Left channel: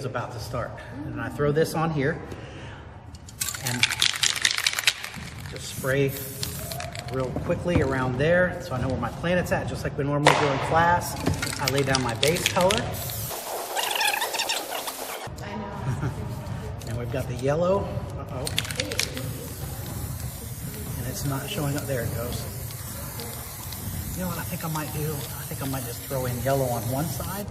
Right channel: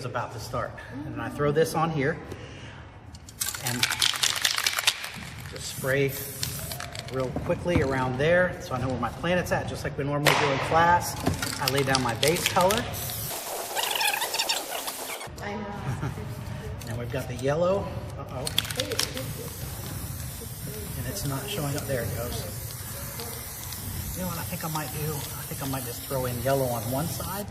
is about to start. And I throw this on here and just spray real quickly around there so I know where my planet's at, just like we normally do in class. I lay down my base color. And we've got the yellow. Uh-oh. And it's not showing up. There it goes. You know what I think I might do? I think I might just throw in yellow on one side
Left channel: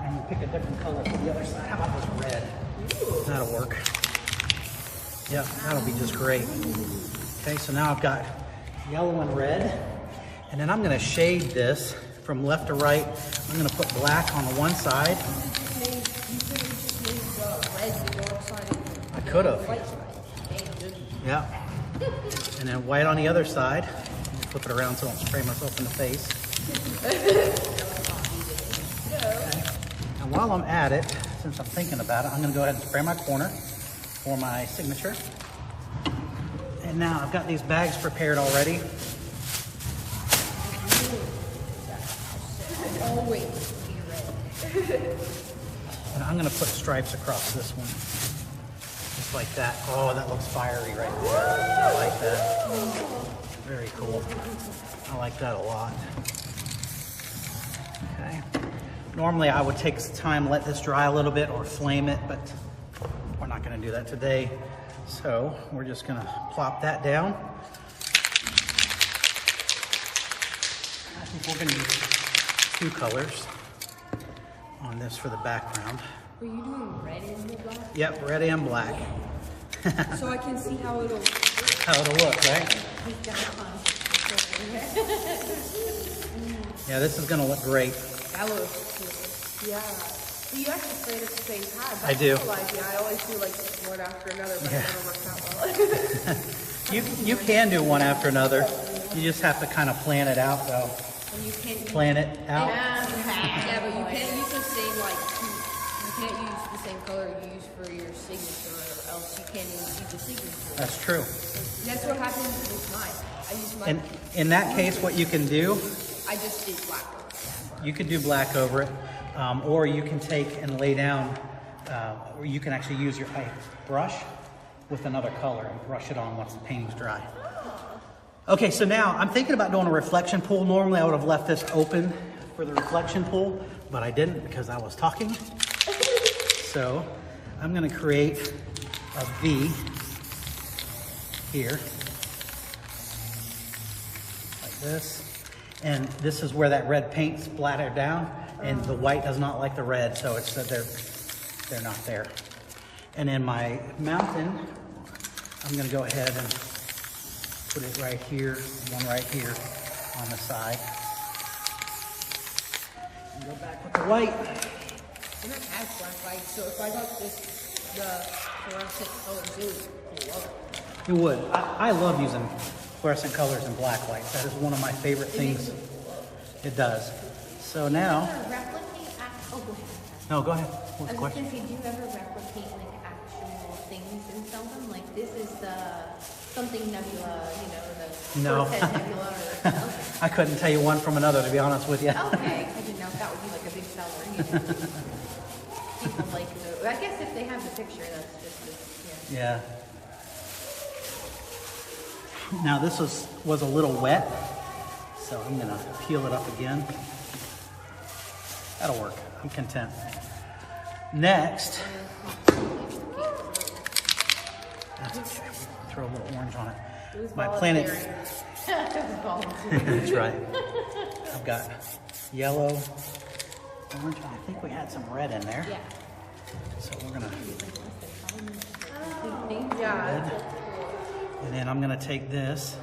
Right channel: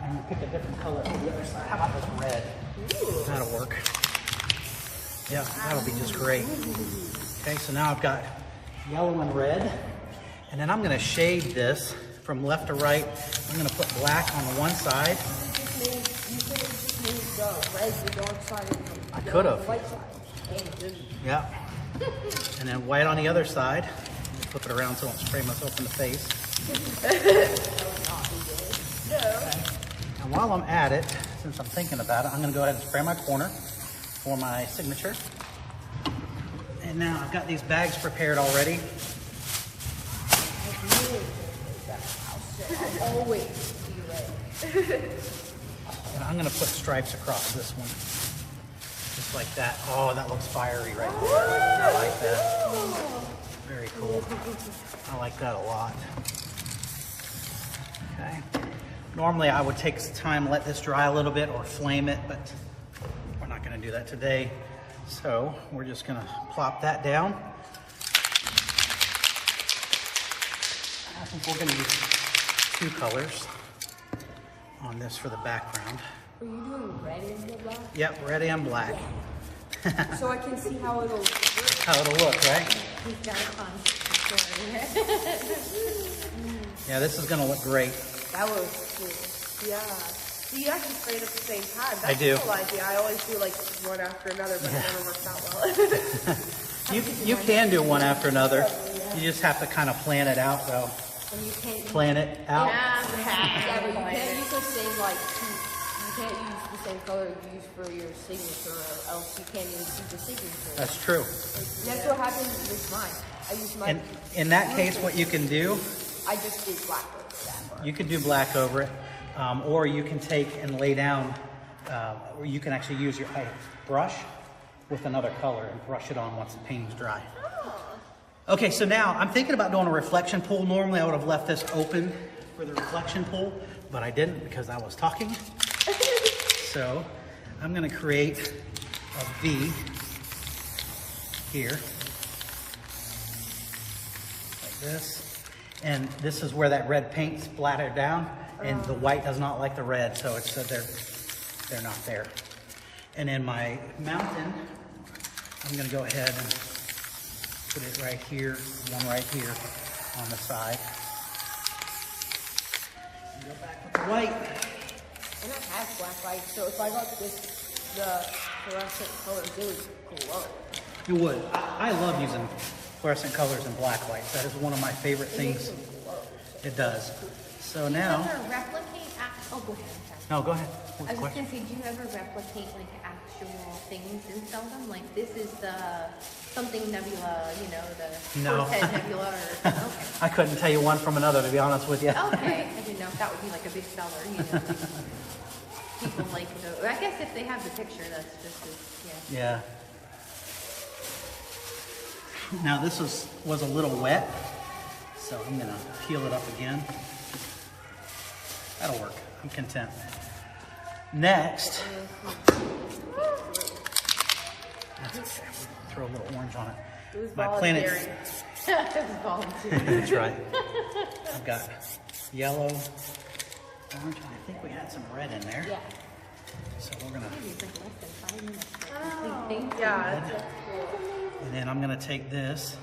and pick a different color for the other side. How about this red? That'll work. Yeah, that'll be just great. Okay, so now I've got yellow and red, and then I'm gonna shade this from left to right. I'm gonna put black on the one side. I could have. Yeah. And then white on the other side. Flip it around so I don't spray myself in the face. Okay. And while I'm at it, since I'm thinking about it, I'm gonna go ahead and spray my corner for my signature. And now I've got these bags prepared already. And I'm gonna put stripes across this one. Just like that. Oh, that looks fiery right there. I like that. Very cool. I like that a lot. Okay. Normally I would take some time, let this dry a little bit or flame it, but we're not gonna do that today. So we're just gonna plop that down. I think we're gonna use 2 colors on this for the background. Are you doing red and black? Yep, red and black. So I can see how it'll look, right? Yeah, this is gonna look great. That looks cool. Yeah. So you actually spray it at the same time. I do. I always do like one after another. Yeah. You can do one after another. You just have to kind of plan it out, though. And you can't plan it out. Yeah, but you can't use the same you can't use the same color you use for your signature, or else you can't use the signature. That's true. That's what happens with mine. I use mine. And in that case, what you can do, I just did black over it. You can do black over it, or you can take and lay down, or you can actually use your brush with another color and brush it on once the painting's dry. Okay, so now I'm thinking about doing a reflection pool. Normally I would have left this open for the reflection pool, but I didn't because I was talking. So I'm gonna create a V here, like this. And this is where that red paint splattered down, and the white does not like the red, so it's they're not there. And then my mountain, I'm gonna go ahead and put it right here, one right here on the side. And go back with the white. I don't have black light, so if I got this, the fluorescent color blue, it would work. You would. I love using fluorescent colors and black lights. That is one of my favorite things. It does. So now. No, go ahead. What's the question? Did you ever replicate like actual things in something? Like this is the something nebula, you know, the No. nebula. Or I couldn't tell you one from another, to be honest with you. okay, I didn't know if that would be like a big seller. You know? People like to know. I guess if they have the picture, that's just as, Yeah. Now this was a little wet, so I'm gonna peel it up again. That'll work. I'm content. Next, that's okay. Throw a little orange on it. My planet. That's right. I've got yellow, orange. I think we had some red in there. yeah. So we're gonna. Yeah. Red. And then I'm gonna take this,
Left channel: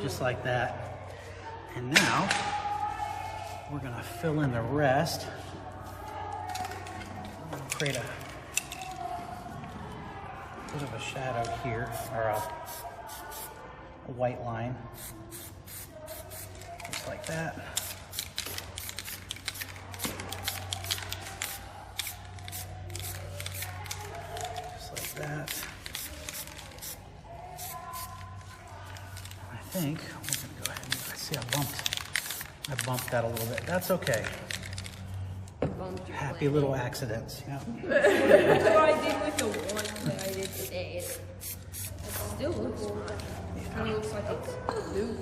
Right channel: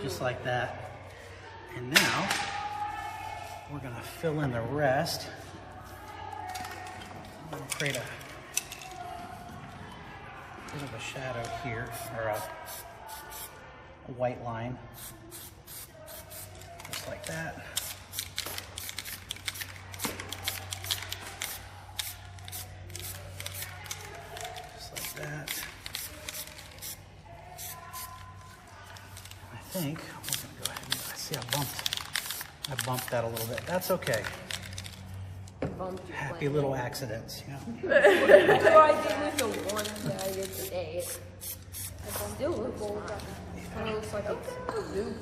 just like that. And now, we're gonna fill in the rest. I'm gonna create a bit of a shadow here, or a white line, just like that. That. I think we're gonna go ahead and I see I bumped that a little bit. That's okay. pumped your Happy little accidents. Yeah. That's what I did with the one that I did today. It still looks kind of looks like it's blue.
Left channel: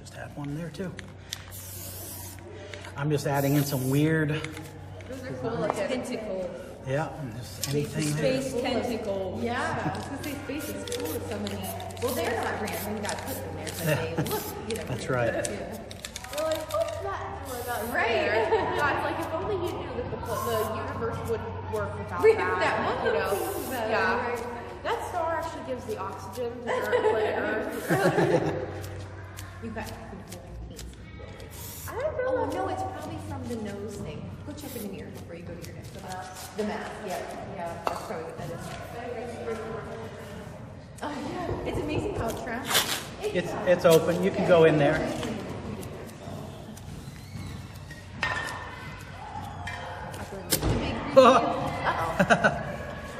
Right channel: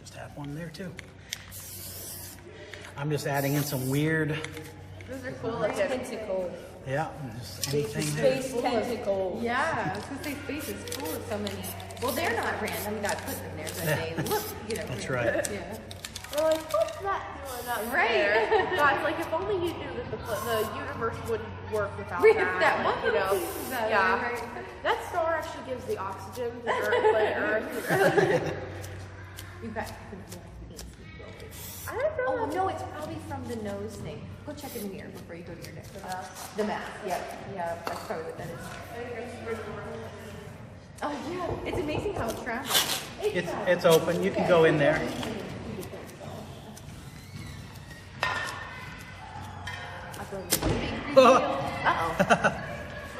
Just have one there too. I'm just adding in some weird, Tentacle. yeah, just anything there. Space tentacle. Yeah, I was gonna say space is cool with so many. Well, they're not random, got put in there, but Yeah. they look, you know. That's right. Yeah. Well, like, what's that doing up right. Guys, like if only you knew that the universe wouldn't work without With that. that You know, one. yeah. That star actually gives the oxygen for Earth. You've got. I don't know. Oh no, it's probably from the nose thing. Go check in the mirror before you go here next. The mask. Yeah, yeah. That's probably what that is. Oh yeah, it's amazing how it's round. It's open. You can go in there.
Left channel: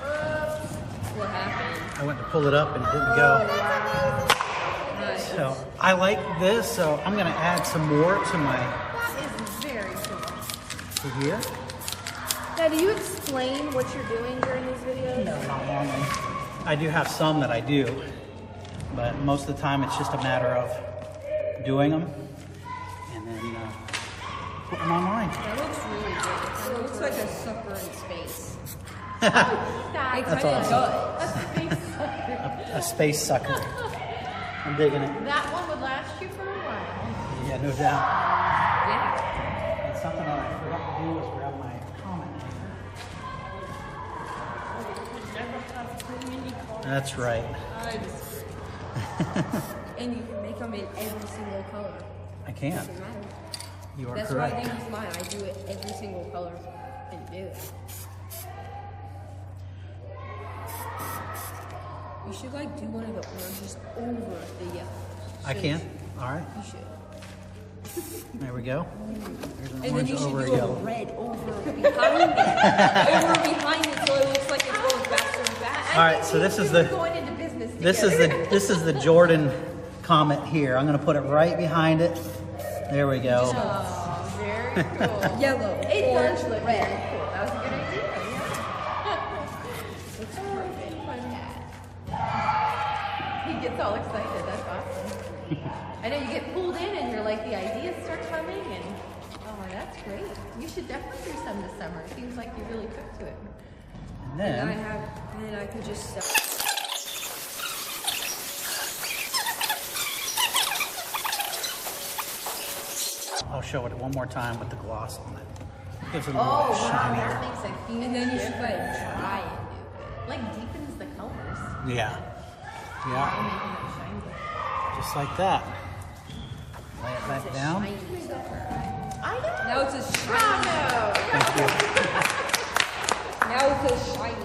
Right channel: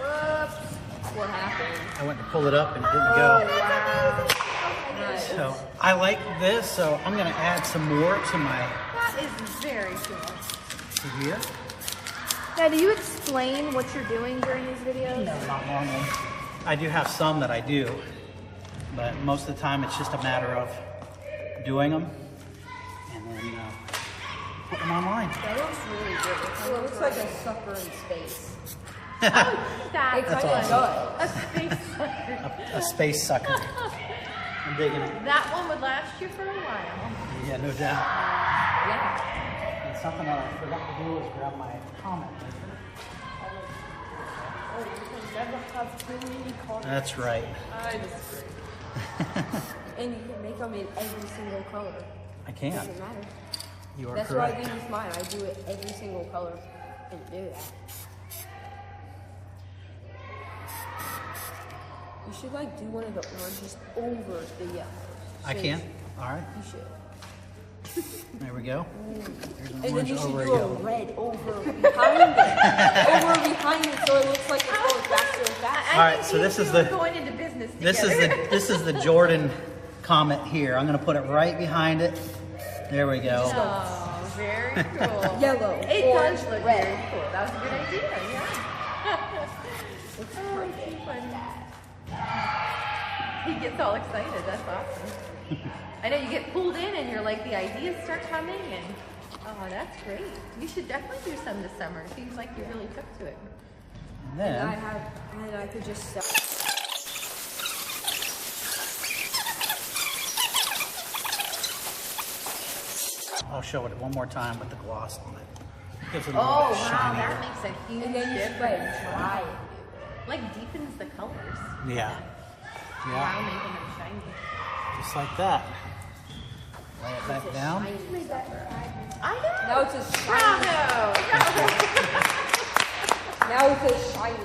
What happened? I went to pull it up and it didn't go. Right. So I like this, so I'm gonna add some more to my It's very similar. to here. Now, do you explain what you're doing during these videos? No, not normally. I do have some that I do, but most of the time it's just a matter of doing them and then putting them online. That looks really good. It kind of looks like a sucker in space. It That's kind of awesome. does. A space sucker. I'm digging it. That one would last you for a while. Yeah, no doubt. Yeah. And something that I forgot to do was grab my comment maker. That's right. And you can make them in every single color. I can. Doesn't matter. You are That's correct. what I do with mine. I do it every single color and do it. You should like do one of the oranges over the yellows. I can. All right. You should. There we go. There's an And then orange you should over a do a yellow. red over behind it. Over behind it so it looks like it's going faster and faster. All right. So this is the Going into business this is the Jordan comet here. I'm gonna put it right behind it. There we go. Very cool. Yellow. It orange, does look red. really cool. That was a good idea. He gets all excited. That's awesome. I know you get pulled in and you're like, the ideas start coming and, oh, that's great. You should definitely do some this summer. It seems like you really took to it. And And then I could just I'll show it one more time with the gloss on it. Gives it a little bit shinier. That makes a huge and then you should difference. like dry it. Like deepens the colors. Yeah. And Yeah. making it shiny. Just like that. Lay it back down. Now it's a shiny. Bravo! Thank you. Now it's a shiny.